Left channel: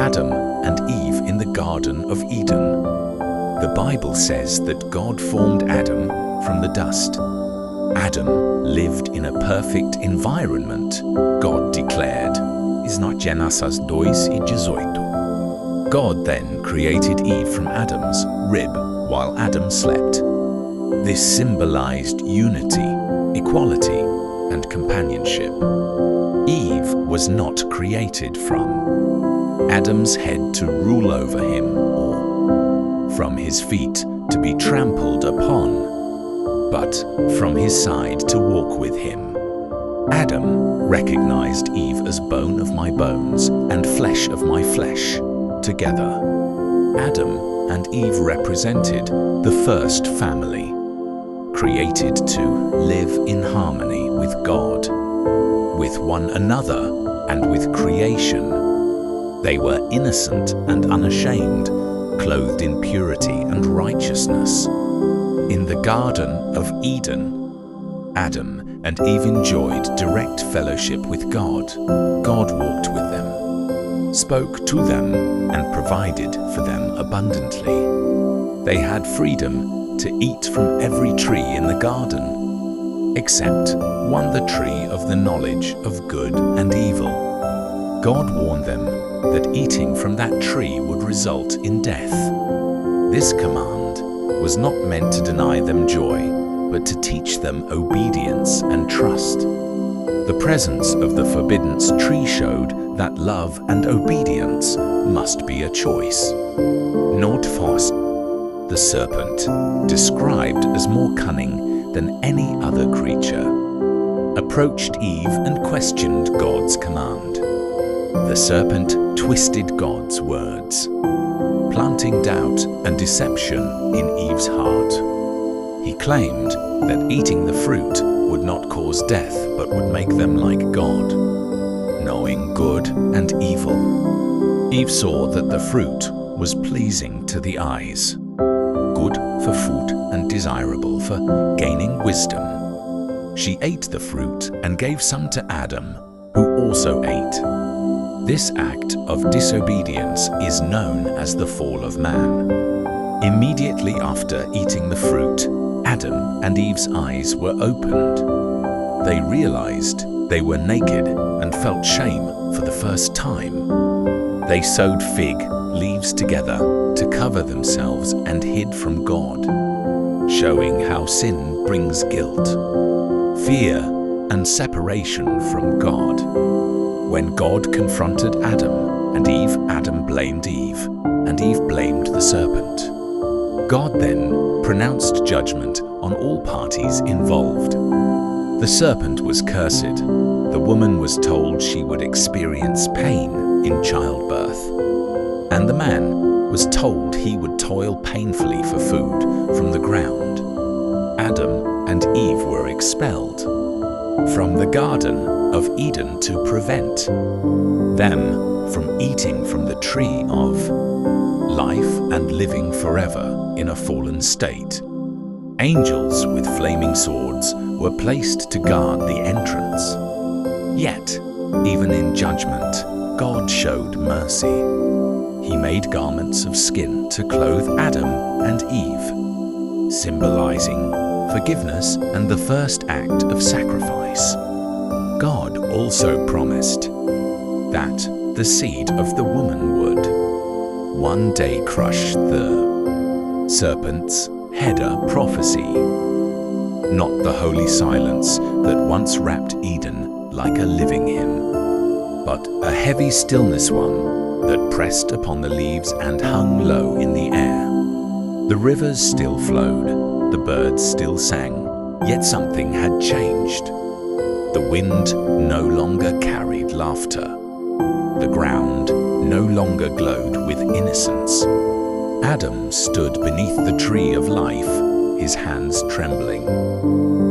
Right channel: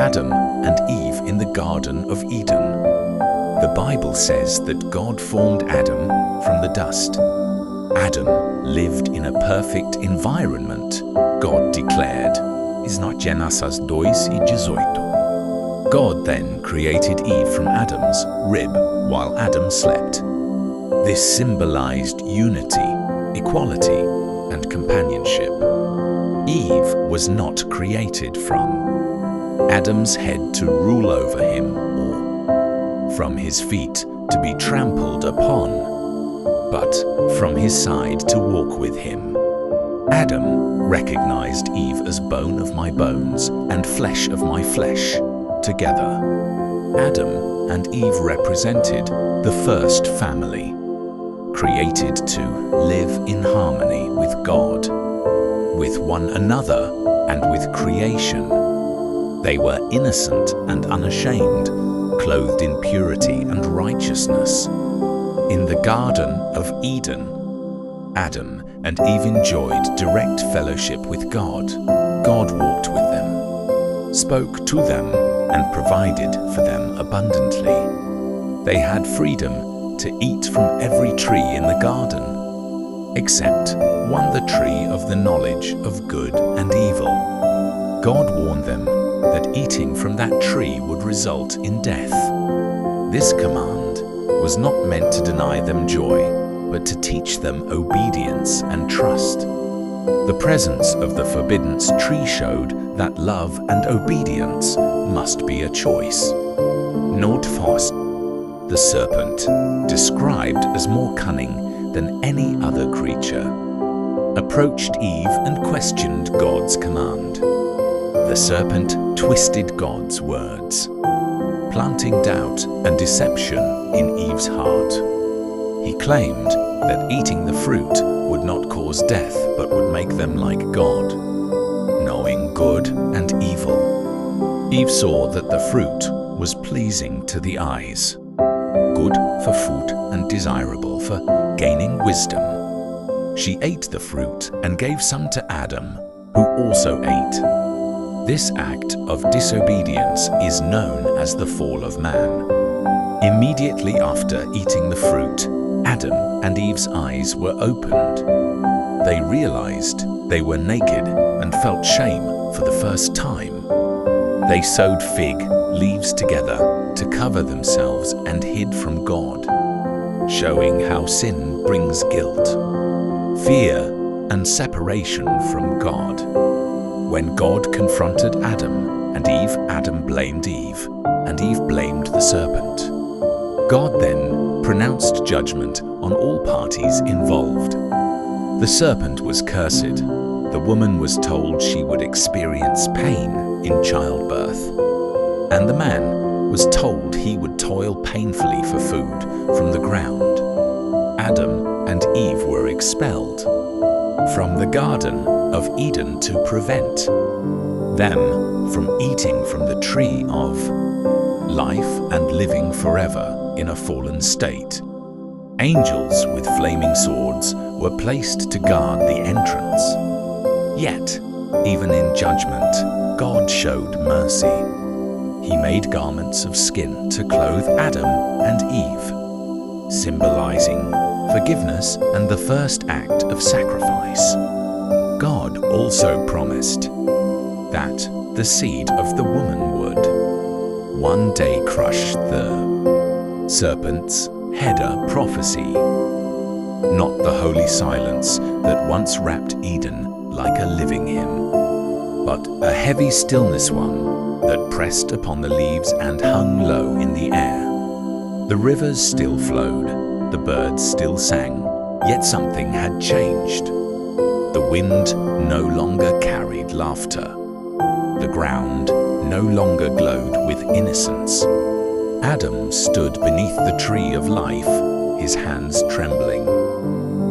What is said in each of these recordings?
Adam and Eve in the Garden of Eden. The Bible says that God formed Adam from the dust. Adam lived in a perfect environment, God declared. Genesis 2:18. God then created Eve from Adam's rib while Adam slept. This symbolized unity, equality, and companionship. Eve was not created from Adam's head to rule over him, or from his feet to be trampled upon, but from his side to walk with him. Adam recognized Eve as bone of my bones and flesh of my flesh, together. Adam and Eve represented the first family, created to live in harmony with God, with one another, and with creation. They were innocent and unashamed, clothed in purity and righteousness. In the Garden of Eden, Adam and Eve enjoyed direct fellowship with God. God walked with them, spoke to them, and provided for them abundantly. They had freedom to eat from every tree in the garden, except one, the tree of the knowledge of good and evil. God warned them that eating from that tree would result in death. This command was not meant to deny them joy, but to teach them obedience and trust. The presence of the forbidden tree showed that love and obedience must be a choice. Note first, the serpent, described as more cunning than any other creature, approached Eve and questioned God's command. The serpent twisted God's words, planting doubt and deception in Eve's heart. He claimed that eating the fruit would not cause death but would make them like God, knowing good and evil. Eve saw that the fruit was pleasing to the eyes, good for food and desirable for gaining wisdom. She ate the fruit and gave some to Adam, who also ate. This act of disobedience is known as the fall of man. Immediately after eating the fruit, Adam and Eve's eyes were opened. They realized they were naked and felt shame for the first time. They sewed fig leaves together to cover themselves and hid from God, showing how sin brings guilt, fear, and separation from God. When God confronted Adam and Eve, Adam blamed Eve, and Eve blamed the serpent. God then pronounced judgment on all parties involved. The serpent was cursed. The woman was told she would experience pain in childbirth. And the man was told he would toil painfully for food from the ground. Adam and Eve were expelled from the Garden of Eden to prevent them from eating from the tree of life and living forever in a fallen state. Angels with flaming swords were placed to guard the entrance. Yet, even in judgment, God showed mercy. He made garments of skin to clothe Adam and Eve, symbolizing forgiveness and the first act of sacrifice. God also promised that the seed of the woman would one day crush the serpent's head. A prophecy, not the holy silence that once wrapped Eden like a living hymn, but a heavy stillness one that pressed upon the leaves and hung low in the air. The rivers still flowed, the birds still sang, yet something had changed. The wind no longer carried laughter. The ground no longer glowed with innocence. Adam stood beneath the tree of life, his hands trembling.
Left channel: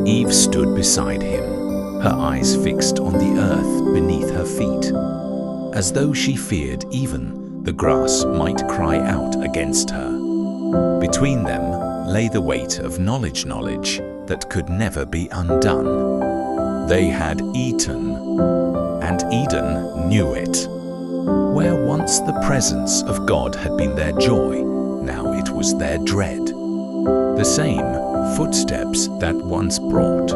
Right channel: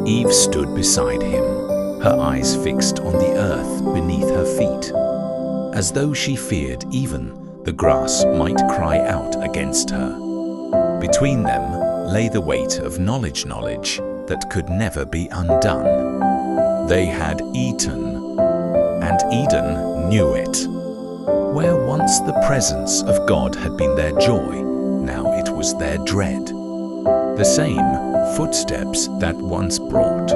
Eve stood beside him, her eyes fixed on the earth beneath her feet, as though she feared even the grass might cry out against her. Between them lay the weight of knowledge that could never be undone. They had eaten, and Eden knew it. Where once the presence of God had been their joy, now it was their dread. The same footsteps that once brought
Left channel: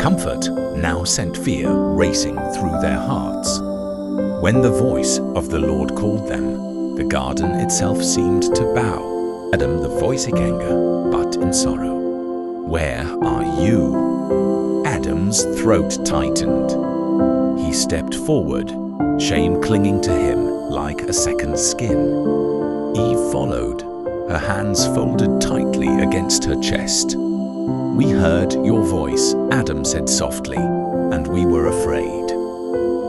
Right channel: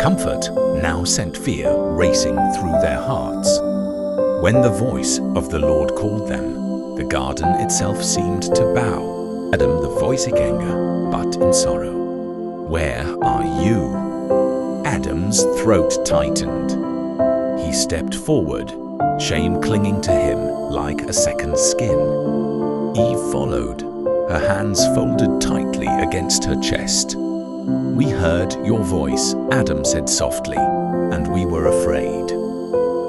comfort now sent fear racing through their hearts. When the voice of the Lord called them, the garden itself seemed to bow. Adam the voice in anger, but in sorrow. Where are you? Adam's throat tightened. He stepped forward, shame clinging to him like a second skin. Eve followed, her hands folded tightly against her chest. We heard your voice, Adam said softly, and we were afraid.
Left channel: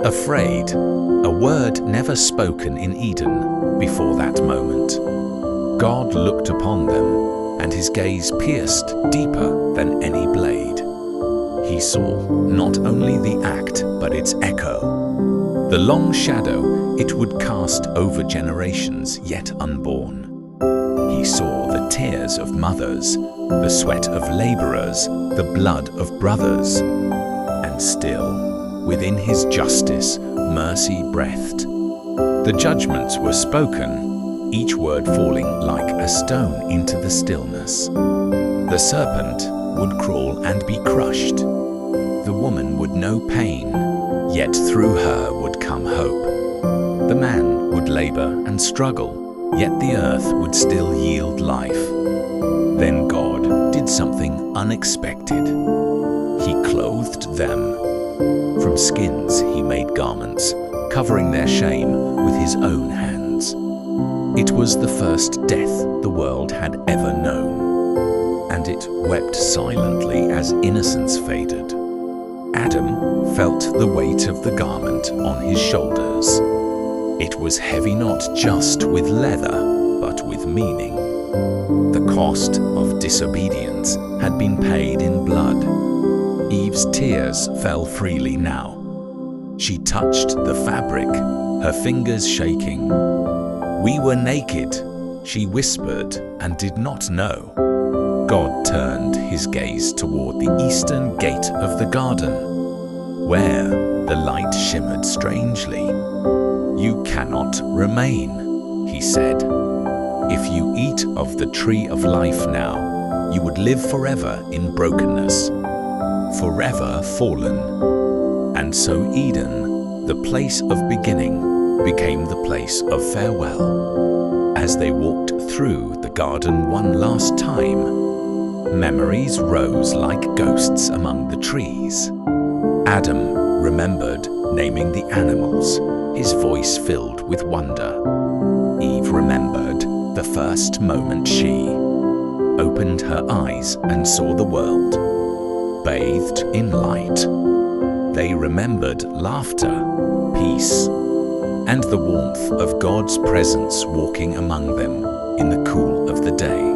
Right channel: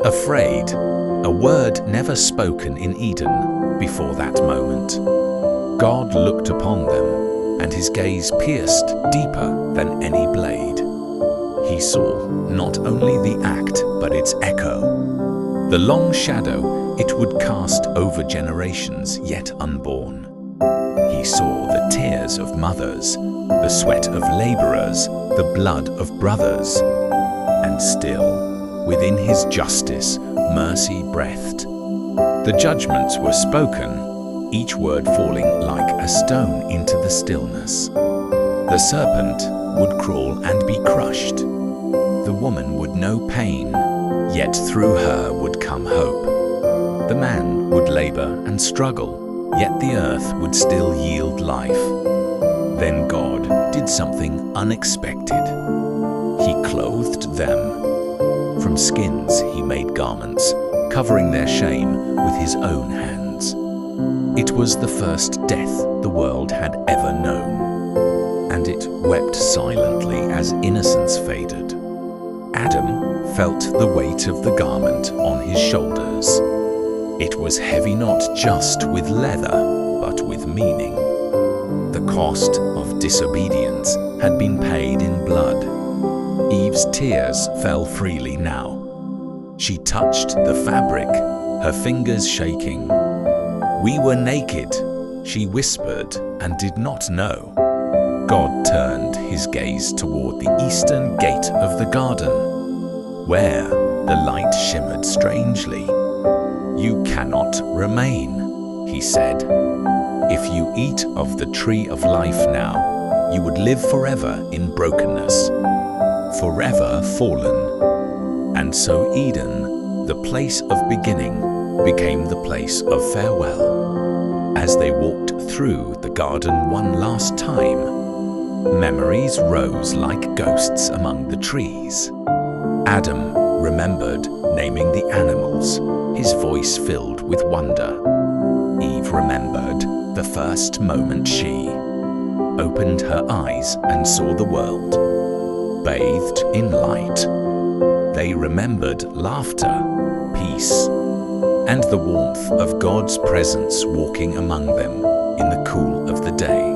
Afraid, a word never spoken in Eden before that moment. God looked upon them, and his gaze pierced deeper than any blade. He saw not only the act, but its echo, the long shadow it would cast over generations yet unborn. He saw the tears of mothers, the sweat of laborers, the blood of brothers. And still, within his justice, mercy breathed. The judgments were spoken, each word falling like a stone into the stillness. The serpent would crawl and be crushed. The woman would know pain, yet through her would come hope. The man would labor and struggle, yet the earth would still yield life. Then God did something unexpected. He clothed them. From skins he made garments, covering their shame with his own hands. It was the first death the world had ever known, and it wept silently as innocence faded. Adam felt the weight of the garment on his shoulders. It was heavy not just with leather, but with meaning. The cost of disobedience had been paid in blood. Eve's tears fell freely now. She touched the fabric, her fingers shaking. We were naked, she whispered, and did not know. God turned his gaze toward the eastern gate of the garden, where the light shimmered strangely. You cannot remain, he said. If you eat of the tree of life now, you would live forever in brokenness, forever fallen. And so Eden, the place of beginning, became the place of farewell. As they walked through the garden one last time, memories rose like ghosts among the trees. Adam remembered naming the animals, his voice filled with wonder. Eve remembered the first moment she opened her eyes and saw the world, bathed in light. They remembered laughter, peace, and the warmth of God's presence walking among them in the cool of the day.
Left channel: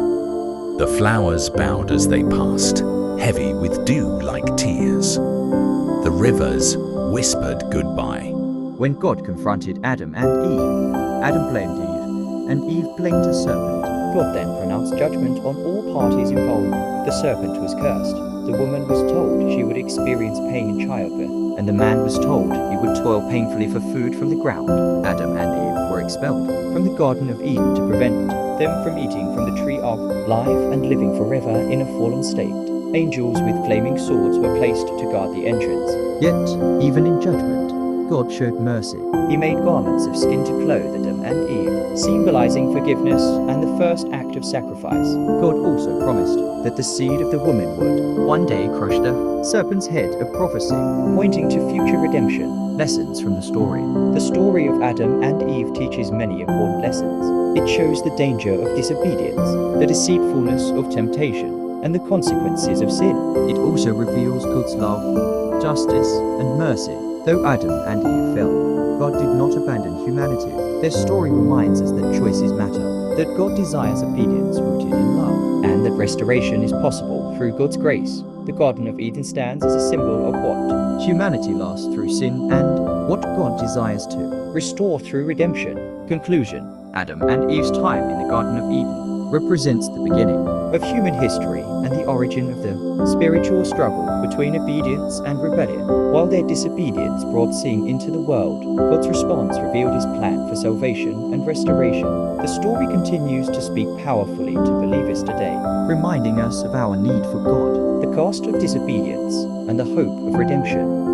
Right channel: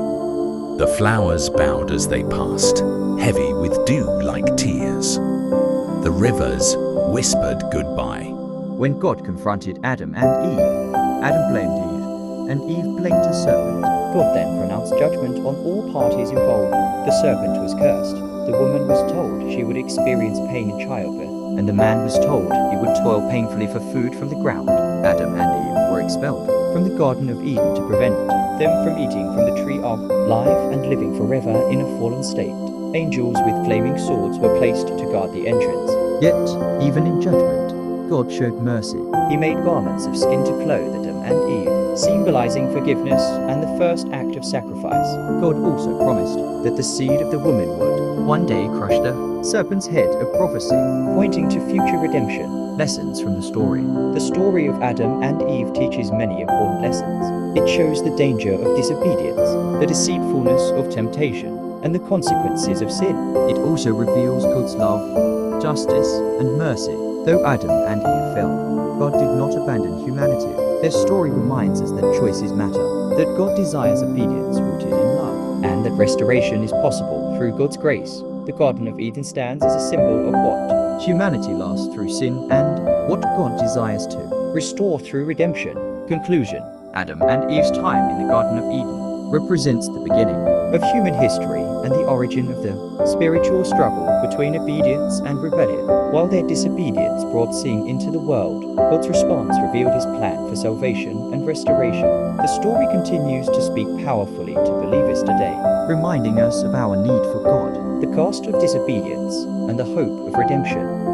The flowers bowed as they passed, heavy with dew like tears. The rivers whispered goodbye. When God confronted Adam and Eve, Adam blamed Eve, and Eve blamed the serpent. God then pronounced judgment on all parties involved. The serpent was cursed. The woman was told she would experience pain in childbirth, and the man was told he would toil painfully for food from the ground. Adam and Eve were expelled from the Garden of Eden to prevent them from eating from the tree of life and living forever in a fallen state. Angels with flaming swords were placed to guard the entrance. Yet, even in judgment, God showed mercy. He made garments of skin to clothe Adam and Eve, symbolizing forgiveness and the first act of sacrifice. God also promised that the seed of the woman would one day crush the serpent's head, a prophecy pointing to future redemption. Lessons from the story. The story of Adam and Eve teaches many important lessons. It shows the danger of disobedience, the deceitfulness of temptation, and the consequences of sin. It also reveals God's love, justice, and mercy. Though Adam and Eve fell, God did not abandon humanity. Their story reminds us that choices matter, that God desires obedience rooted in love, and that restoration is possible through God's grace. The Garden of Eden stands as a symbol of what humanity lost through sin and what God desires to restore through redemption. Conclusion. Adam and Eve's time in the Garden of Eden represents the beginning of human history and the origin of the spiritual struggle between obedience and rebellion. While their disobedience brought sin into the world, God's response revealed his plan for salvation and restoration. The story continues to speak powerfully to believers today, reminding us of our need for God, the cost of disobedience, and the hope of redemption.